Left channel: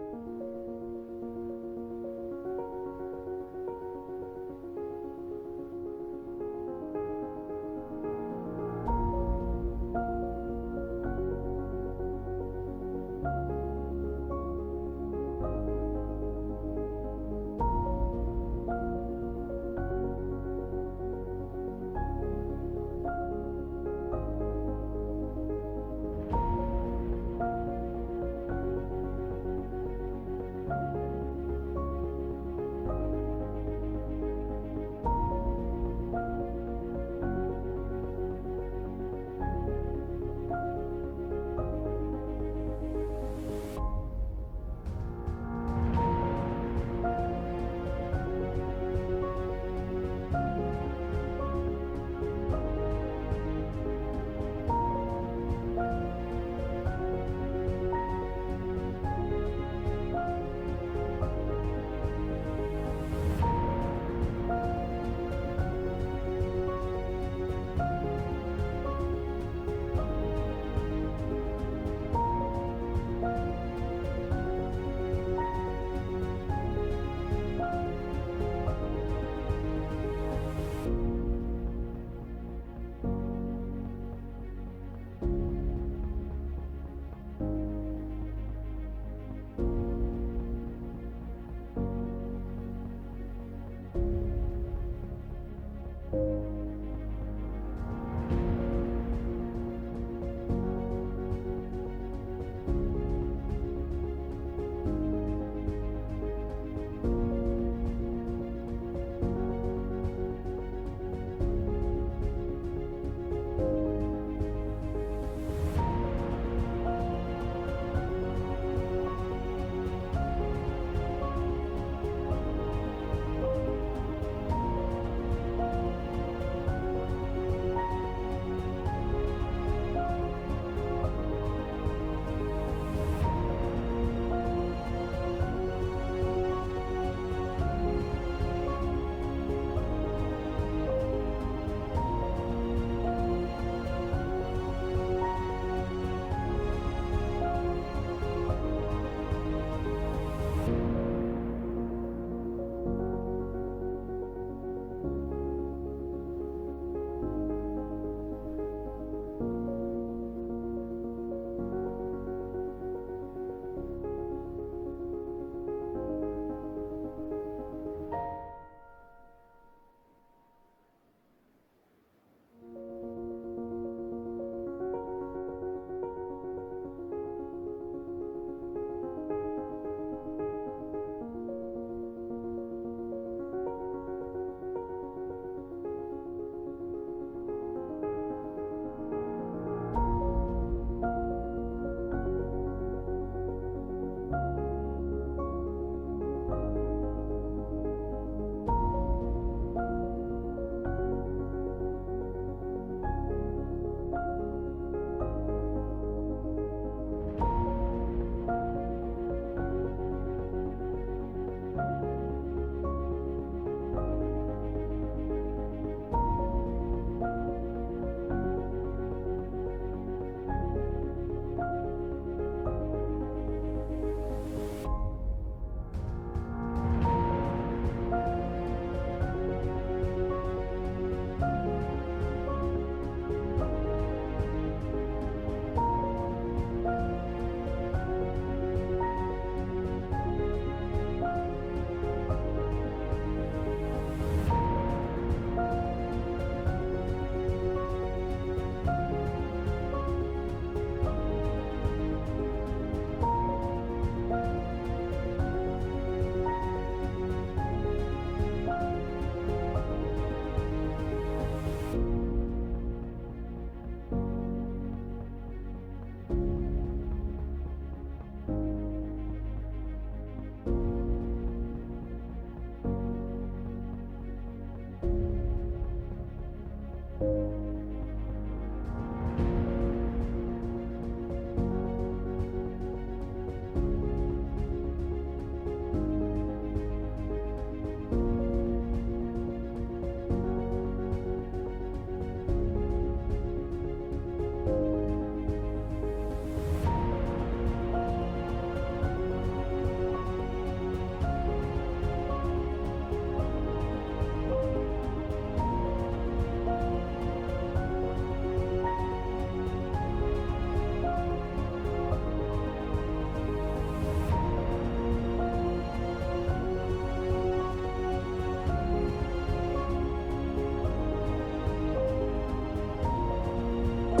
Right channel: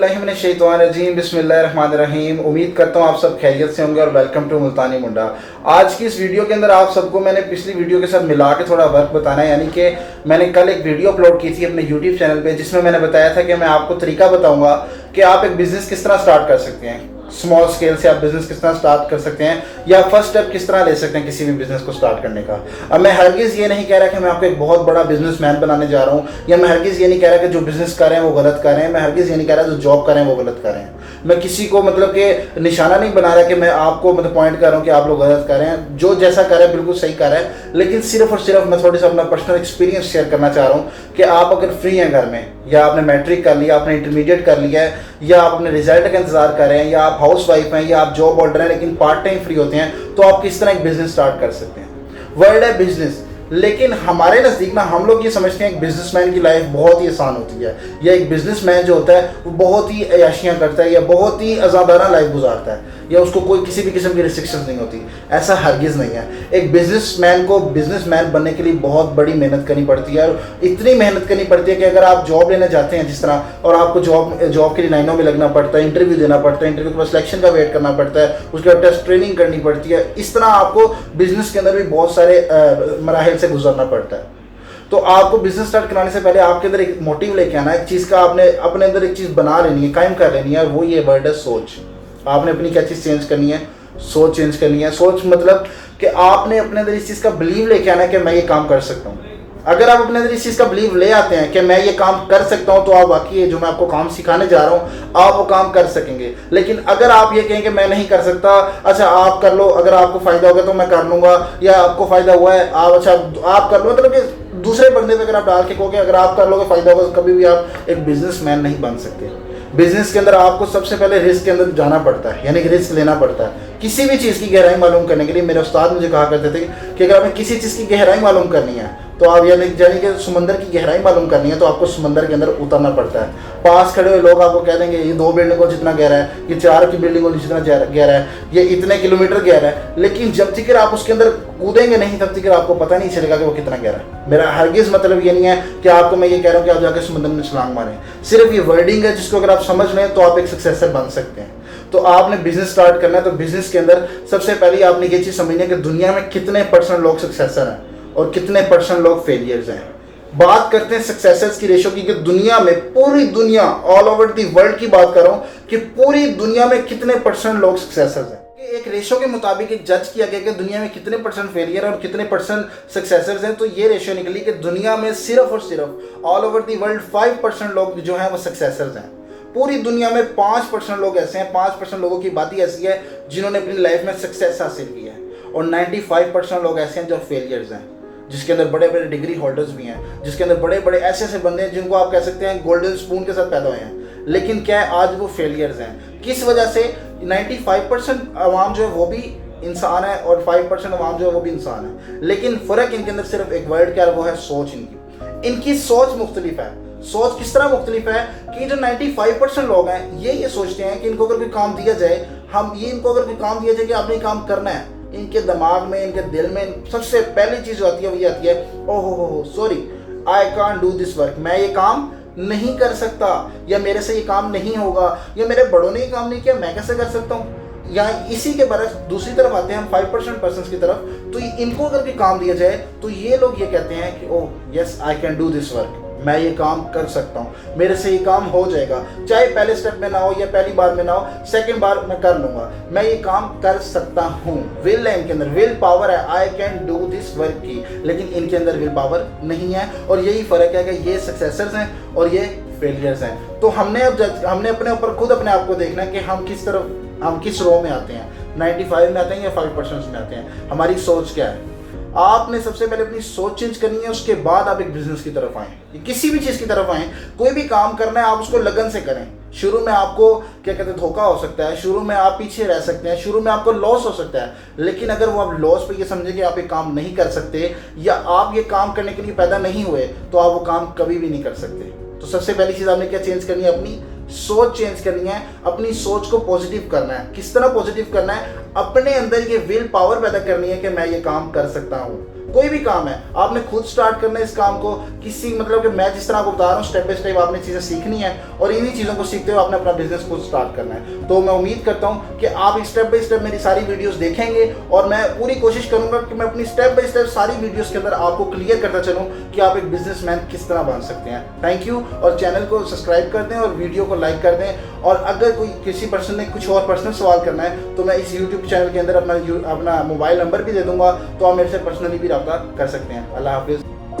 औज़ुबिल्लाहिमिनश्शैतानिर्रजीम बिस्मिल्लाहिर्रहमानिर्रहीम। उम्मीद करता हूँ आप सब खैरियत से होंगे और वेलकम टू मुल्तानी मुंडा। आज की इस वीडियो के अंदर आप सबको मैंने पिछली वीडियो के साथ मिला के थोड़ा वर्क बताना है, यानी कि मैंने कल एक वीडियो अपलोड की थी अपने यूट्यूब चैनल पे, जिसमें मैंने बताया था कि मैं आपको तरीका बताऊंगा कि आप एक बिज़नेस किस तरह स्टार्ट कर सकते हैं। स्मॉल स्केल से आप बिज़नेस किस तरह स्टार्ट कर सकते हैं या फर्स्ट स्टेप किस तरह ले सकते हैं किसी भी बिज़नेस को स्टार्ट करने का। अब मैं हरगिज़ ये नहीं कह रहा कि मैं आपको एक बहुत बड़ा बिजनेसमैन बनाने जा रहा हूँ, या मैं हरगिज़ ये नहीं कह रहा कि जो बिज़नेस कर रहे हैं वो गलत कर रहे हैं। मैं हरगिज़ ये नहीं कह रहा जो जॉब कर रहे हैं वो गलत कर रहे हैं। मैं किसी को मतलब कि निशाना नहीं बना रहा कि मैं आपको मतलब पॉइंट कर रहा हूँ कि आप लोग गलत कर रहे हैं। जो जैसा कर रहे हैं बिल्कुल सही कर रहे हैं, लेकिन सिर्फ और सिर्फ मैं थोड़ी सा अपना पर्सनल एक्सपीरियंस शेयर करना चाह रहा हूँ कि आप अगर फ्री हैं घर में, या आपने मैट्रिक कर लिया, आपने इंटरमीडिएट कर लिया है, या आप अपने रिजल्ट का इंतजार कर रहे हैं, या आप हाउस वाइफ हैं, या आप जॉब होल्डर हैं लेकिन पार्ट टाइम फ्री होते हैं, तो आप किस तरह एक बिजनेस स्टार्ट कर सकते हैं। वर्ल्ड है बिजनेस, लेकिन हमारे नज़दीक ना हम लोग ये समझते हैं एक बिजनेसमैन की लाइफ बहुत ही आसान होती है, या एक बिजनेसमैन जो होता है वो बहुत ही अयाशियाँ करता है या बहुत ही आज़ादाना लाइफ गुजारता है, या उसको कोई किसी भी किस्म की रिस्ट्रिक्शंस नहीं होती। ऐसा हरगिज़ नहीं है। एक बिजनेसमैन को बिजनेसमैन बनने के लिए बहुत बड़ी मेहनत करनी पड़ती है, और इतनी मेहनत करनी पड़ती है कि अगर आप जॉब लेने जाते हैं जिस तरह, और आपको जॉब के लिए लाइनों में लगना पड़ता है, इंटरव्यू देना पड़ता है, इंटरव्यू के बाद सिलेक्शन का वेट करना पड़ता है, उसके बाद टेस्ट ट्रेनिंग करनी पड़ती है, इस तरह आपको बिजनेस के अंदर भी बहुत सारे मराहिल से गुजरना पड़ता है। तो आपको बिजनेस स्टार्ट कराने से पहले आपके अंदर एक मोटिव लेके आना है, एक चीज़ का आपने अपने अंदर एक चीज़ बना लेनी है, कायम कर लेनी है, वो ये वर्ड है सोच। आपने अपनी क्या चीज़ चेंज करनी है? सोच चेंज करनी है। सोच मतलब कि आपने अपने अंदर इस चीज़ का बिलीव लेके आना है कि मैं ये काम कर सकता हूँ। अगर आप अपने अंदर इस चीज़ का बिलीव ले आते हैं कि मैं ये काम कर सकता हूँ, तो आप वाकई जो मैं आपको काम सिखाने जा रहा हूँ आप वो काम कर सकेंगे। लेकिन अगर आप ये कहें कि मैं नहीं कर सकता, अच्छा आप कर लो, अगर आपको फ़ायदा होगा तो मैं कर लूँगा, या आपको फ़ायदा हुआ है आप अच्छा आप कर लो, मतलब कि दूसरे बंदे पे अगर आप डाल के कहोगे अगर आप कर लोगे फ़ायदा होगा, तो कभी भी आप एक बिजनेसमैन नहीं बन सकते। बिजनेस के अंदर आपको सबसे पहले रिस्क के अंदर जाना पड़ता है, यानी कि रिस्क लेना पड़ता है। किसी भी चीज़ की गहराई मालूम करने के लिए मेरे उस्ताद मुझे कहा करते थे कि अगर आपने किसी चीज़ की गहराई मालूम करनी है, तो आप यानी कि समंदर की गहराई मालूम करनी है, तो आपको समंदर के अंदर उतरना पड़ता है। पास खड़े हुए लोग आपको कह देंगे ये 2 बिल्डिंगों जितना गहरा है, ये 4 की बिल्डिंगों जितना गहरा है, ये इतने किलोमीटर गहरा है, लेकिन जब तक आप उसके अंदर कूदेंगे नहीं तब तक आपको पता नहीं चलेगा कि वो कितना गहरा है। मेरा हरगिज़ मतलब ये नहीं है कि आपको मैं ये कह रहा हूँ कि आप जाकर समंदर में छलांग मारें। सिर्फ ये वर्डिंग है जिसको अगर आप समझ लें तो आप एक सक्सेसर बन सकते हैं। तो आपने बिजनेस स्टार्ट करना है, तो बिजनेस के अंदर सबसे पहले आपने ये चीज़ समझनी है कि दुनिया में कितने % लोग सक्सेसर हैं और कितने % लोग फेलियर्स हैं। बात करते हैं सक्सेसर्स की रेशो की, कि दुनिया में, पूरी दुनिया, ऑल ओवर दी वर्ल्ड की बात कर रहा हूँ कि पूरी दुनिया में कितने % लोग सक्सेसर्स हैं। एक रेशो के मुताबिक एक जज किया गया कि दुनिया में कितने % फेलियर और कितने % सक्सेसर्स हैं, तो ये रेशो निकली कि दुनिया में सिर्फ और सिर्फ ऑल ओवर दी वर्ल्ड 5% लोग जो हैं वो सक्सेसर्स हैं। पूरी दुनिया में 5% लोग ऐसे हैं, 5% लोगों की बात ही ऐसी है जिन्होंने अपनी लाइफ में सक्सेस हासिल की है, और 95% लोग ऐसे हैं जो फेलियर्स हैं, जिसके अंदर बड़े बड़े डिग्री होल्डर्स भी हैं, जिसके अंदर बड़े बड़े ऐसे ऐसे बंदे हैं जिनको आप कह सकते हैं गोल्डन स्पून के साथ पैदा हुए हैं, लेकिन क्या है आज वो फेलियर्स हैं। किस वजह से? 95% आवाम जो है वो भी इंसान है और 5% आवाम जो है वो भी इंसान है, लेकिन फ़र्क इनके अंदर सिर्फ एक वर्ड क्या है, वो है सोच। इनकी सोच मुख्तलिफ है। सोच किस तरह मुख्तलिफ है कि जो 95% लोग हैं ये सोचते हैं कि इनको अगर कोई काम दिया जाए, इनको अगर कोई काम दिया जाए कि आपने काम करना है, इनके दिमाग में, इनके दिल में सबसे पहली चीज़ जो आती है वो ये आती है, ओहो sorry, I can't do this work, मैं ये काम नहीं कर सकता, या मेरे से ये काम नहीं होगा, या मेरे बड़ों ने ये काम नहीं किया, मैं कैसे कर सकता हूँ। यहाँ इसी के बरस दूसरी तरफ आते हैं हम 5% पर्सन की तरफ, तो इनको अगर कोई काम दिया जाए तो ये लोग ये कहते हैं कि oh yes I can do this work, मैं ये काम कर सकता हूँ, मेरे से ये काम हो जाएगा, चाहे पहले स्टेप में ना हो या पहली बार में ना हो, सेकंड बार मैं कर लूँगा, मैं ये काम कर सकता हूँ। विल है इनके अंदर, विल पावर है, I can do this work की, लेकिन इनके अंदर विल पावर नहीं है, और यही फ़र्क है कि ये सक्सेसर्स हैं और ये फेलियर्स हैं। तो हमने अपने ऊपर खुद अपने आप को देखना है कि हम किस रो में आते हैं, 95 में आते हैं या 5% में आते हैं, हमारी सोच क्या है। आपने सबसे पहले अपनी सोच चेंज करनी है, उसके बाद आप एक बिजनेस की तरफ आएँ, किसी भी चीज़ की तरफ आएँ। कोई भी काम करना है आप उसको लगन से करें। शुरू में आपको क्या कहते हैं धोखा हो सकता है, शुरू में आप पीछे रह सकते हैं, शुरू में आपको लॉस हो सकता है, लेकिन अगर वो आप लॉस पे ये समझे कि आप ये काम नहीं कर सकते या आप ये काम करने के लिए पैदा नहीं हुए, तो आप वो काम कभी भी नहीं कर सकते। तो सबसे पहली चीज़ आपने क्या चेंज करनी है, अपनी सोच चेंज करनी है। अपनी सोच को पॉजिटिव करना है। किस तरह पॉजिटिव करना है? अपने अंदर ये विल पावर पैदा करनी है कि मैं ये काम कर सकता हूँ। कोई भी काम है आपने खुद स्टार्ट करना है इस काम को, किसी मतलब कि मैं जिस तरह आपको बता रहा हूँ स्टेप बाय स्टेप आपने चीज़ें सीखनी है और इन्हीं चीज़ों को सीखते हुए आपने अपना बिजनेस खुद स्टार्ट करना है। तो मैं उम्मीद करता हूँ कि आप स्टेप बाय स्टेप मेरी सारी वीडियोस देखेंगे और मैं पूरी कोशिश करूंगा कि मैं अपनी स्टेप बाय स्टेप सारी वीडियोस के अंदर आपको क्लियर करता चलूँ कि आप एक बिजनेसमैन किस तरह बन सकते हैं। थैंक यू, और चैनल को सब्सक्राइब कर दें और वीडियो को लाइक कर दें। और अगर कोई किसी पर्सन ने कुछ और पर्सनल सवाल करना है तो मैं इस यूट्यूब चैनल के अंदर अपना मोबाइल नंबर भी दे दूंगा, तो आप मेरे से पर्सनली भी रब्ता कर सकते हैं। अल्लाह हाफिज़।